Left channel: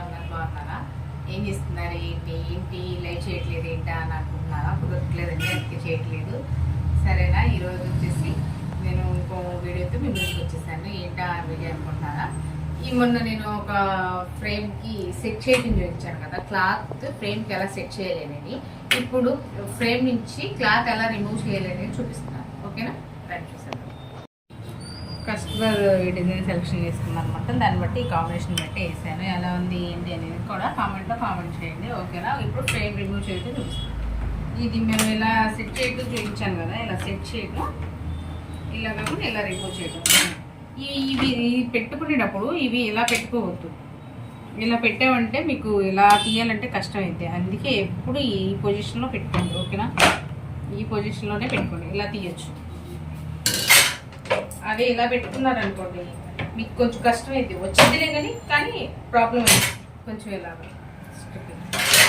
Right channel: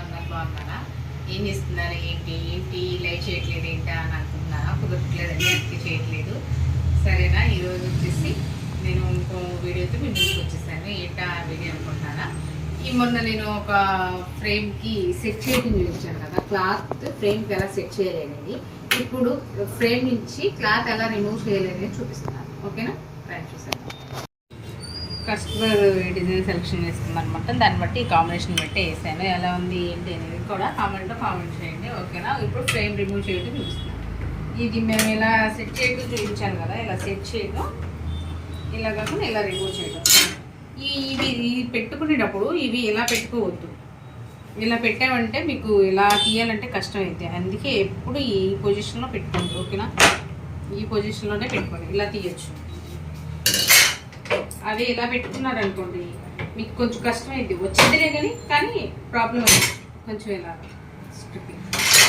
అందరు బాగున్నారా? ఏం చేస్తున్నారు? ఏంటి? ఏంటి? లైవ్ చేయట్లేదు ఏంటా అని అనుకుంటున్నారా? కుదరట్లేదండి అందుకే చేయట్లేదు. సరేనా? ఈరోజు వచ్చేసి నేను ఇంకో వీడియోతో మీ ముందుకు వచ్చేసాను. ఏంటా వీడియో అనుకుంటున్నారా? ఈ మొన్న నేను ఒక ఫ్రేమ్కి సెట్ చేయడం చూపించాను కదా క్లాత్ ఫ్రేమ్కి ఎలా సెట్ చేయలేనండి ఇప్పుడు ఫ్రేమ్ నుంచి క్లాత్ ఎలా రిమూవ్ చేయలేదని చూపిస్తున్నాను ఓకేనా? రైట్ చూసేద్దాం. కస్టమర్ డిజైన్ సెలెక్షన్ చేసుకున్నాను అనమాట దాన్ని బట్టి కాంబినేషన్ బట్టి వేసాను. ఎలా ఉంది ఏంటి అనేది కూడా కామెంట్లో కామెంట్ చేయండి. ఓకేనా? ఇప్పుడు ఫ్రేమ్ రిమూవ్ చేయడం చూస్తాను ఇది మేము ఇలా సెట్ చేయడం చూపించాను కదా ఇలా సెట్ చేయడం ఇలా కాకుండా ఇలా రిమూవ్ చేయడం. ఈ ఇవి ఇవి పెట్టుకునేటప్పుడు ఇవి ఇలా పెట్టుకోవద్దు. ఇలా పెట్టామంటే మీకు ఇలా తీయాలంటే కష్టం అయితే అందుకే ఎప్పుడు ఈ పొజిషన్లో పెట్టుకోండి. ఓకేనా? ఈ పొజిషన్లోనే పెట్టుకోండి. ఇలా తీయచ్చు. అవి ఇలా పెట్టుకున్నారు అనుకోండి మీకు కొంచెం కష్టం అయింది వచ్చిందిలే కానీ కానీ ప్రాబ్లం అయింది కొంచెం ఇలా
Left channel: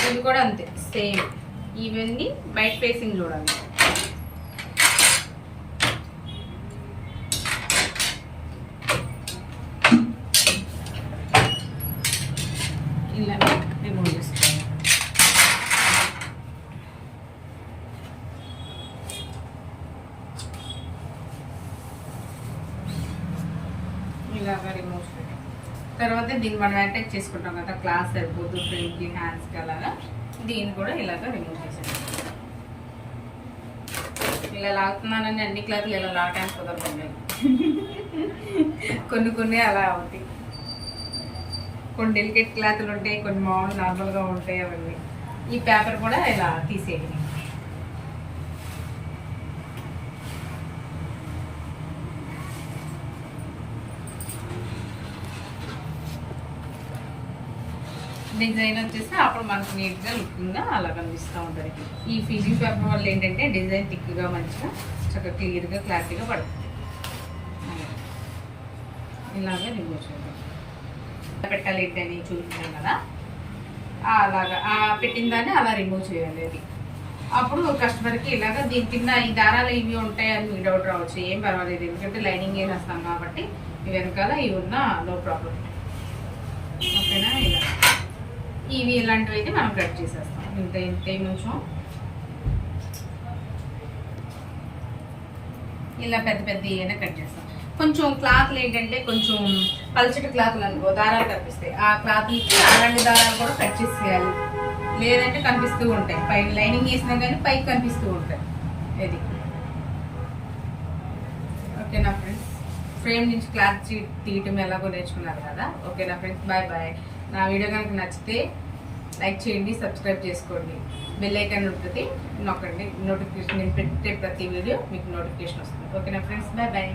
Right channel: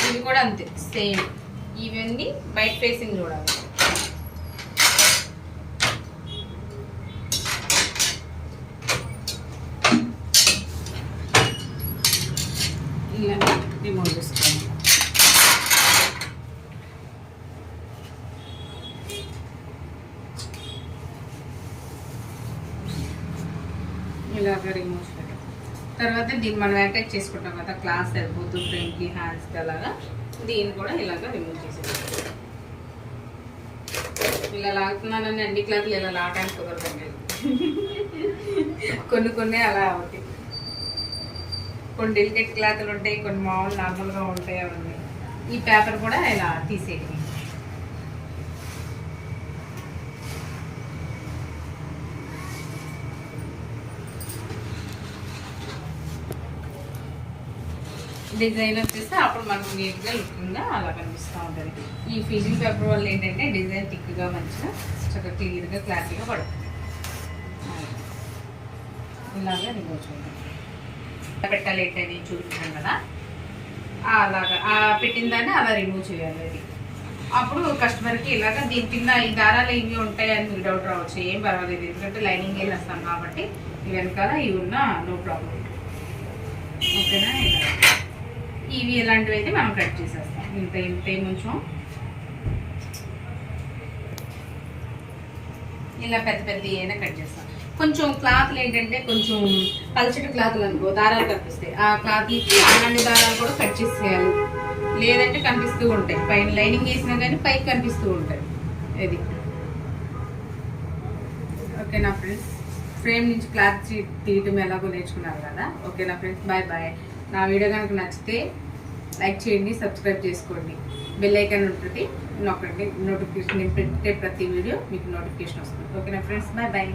ఇవి కూడా అంతే సేమ్ ఇవన్నీ బయట ఫేసింగ్ చూడాలి ఇలా రిమూవ్ చేసుకోవాలి ఇలాగా రిమూవ్ చేయడం తర్వాత దీన్ని మనం అటాచ్ చేసుకుంటాం కదా క్లాస్ సరిపోతూ ఫ్రెండ్కి హ్యాండ్స్కి అలాగా. దీన్ని కూడా ఇలాగా రిమూవ్ చేసేది ఇలా లాగుతున్నానని అన్ని క్లాత్లు ఇలా లాగడానికి కుదరదండి. కొన్ని కొన్ని అలా అవుతాయి. కొన్ని డెలికేట్ క్లాత్లు ఉంటాయి కొన్ని మామూలు నార్మల్గా ఉంటాయి అవన్నీ. ఈ పేపర్ కూడా ఇలా తీసేయండి. డిజైన్ వచ్చేస్తే అప్పుడు మనకు నీట్గా లుకింగ్గా అలా కనిపిస్తూ ఉంటుంది. ఈ ఫీజింగ్ పేపర్ వల్ల ఏంటంటే డిజైన్ థిక్గా మంచిగా చక్కగా క్లియర్గా క్లారిటీగా పడుతుంది. ఇలాగా రిమూవ్ చేయాలి పెట్టాలి ఏంటని చూపించాం కదా. అలాగా పెట్టిన దాన్ని అలా రిమూవ్ చేయాలి. అది అప్పుడు కస్టమర్కి ఇలాగ దీని కింద ఈ దారాలు ఇవి ఉంటాయని మీకు డౌట్ రావచ్చు. ఏం పర్వాలేదు ఎందుకంటే లైనింగ్ వేస్తాం కాబట్టి వెనకాల ఇవి ఉన్నా నో ప్రాబ్లం ఓకేనా ఇలా ఇవి ఇలాంటివి అయితే మనం కట్ చేసేస్తాం. ఇంత ఇంత కొంచెం ఇలా పెద్ద పెద్ద అయినా కట్ చేస్తాం. కొంచెం క్లాత్లు ఏంటంటే కొంచెం పలచటి క్లాత్లు అనుకో దారాలు కనిపిస్తాయి. ఆ క్లాత్లకి అలాంటి దారాలు కూడా కట్ చేసేయాలి. లేదంటే కనిపిస్తూ ఉంటాయి. పైన లైనింగ్ వేసినా కానీ పైకి కనిపిస్తూ ఉంటాయి. ఇది. ఓకేనా ఫ్రెండ్స్? ఫ్రేమ్ నుంచి క్లాత్ తీయటం ఎలాగో నేర్చుకున్నారు కదా. ఓకేనా ఫ్రెండ్స్? Bye bye. నా వీడియో కనుక నచ్చితే లైక్ చేయండి సబ్స్క్రైబ్ చేసుకోండి. బెల్ ఐకాన్ ఉంటుంది నొక్కండి. నోటిఫికేషన్ నేను పెట్టే ప్రతి వీడియో మీకు నోటిఫికేషన్ వస్తుంది. ఓకేనా ఫ్రెండ్స్? Bye bye.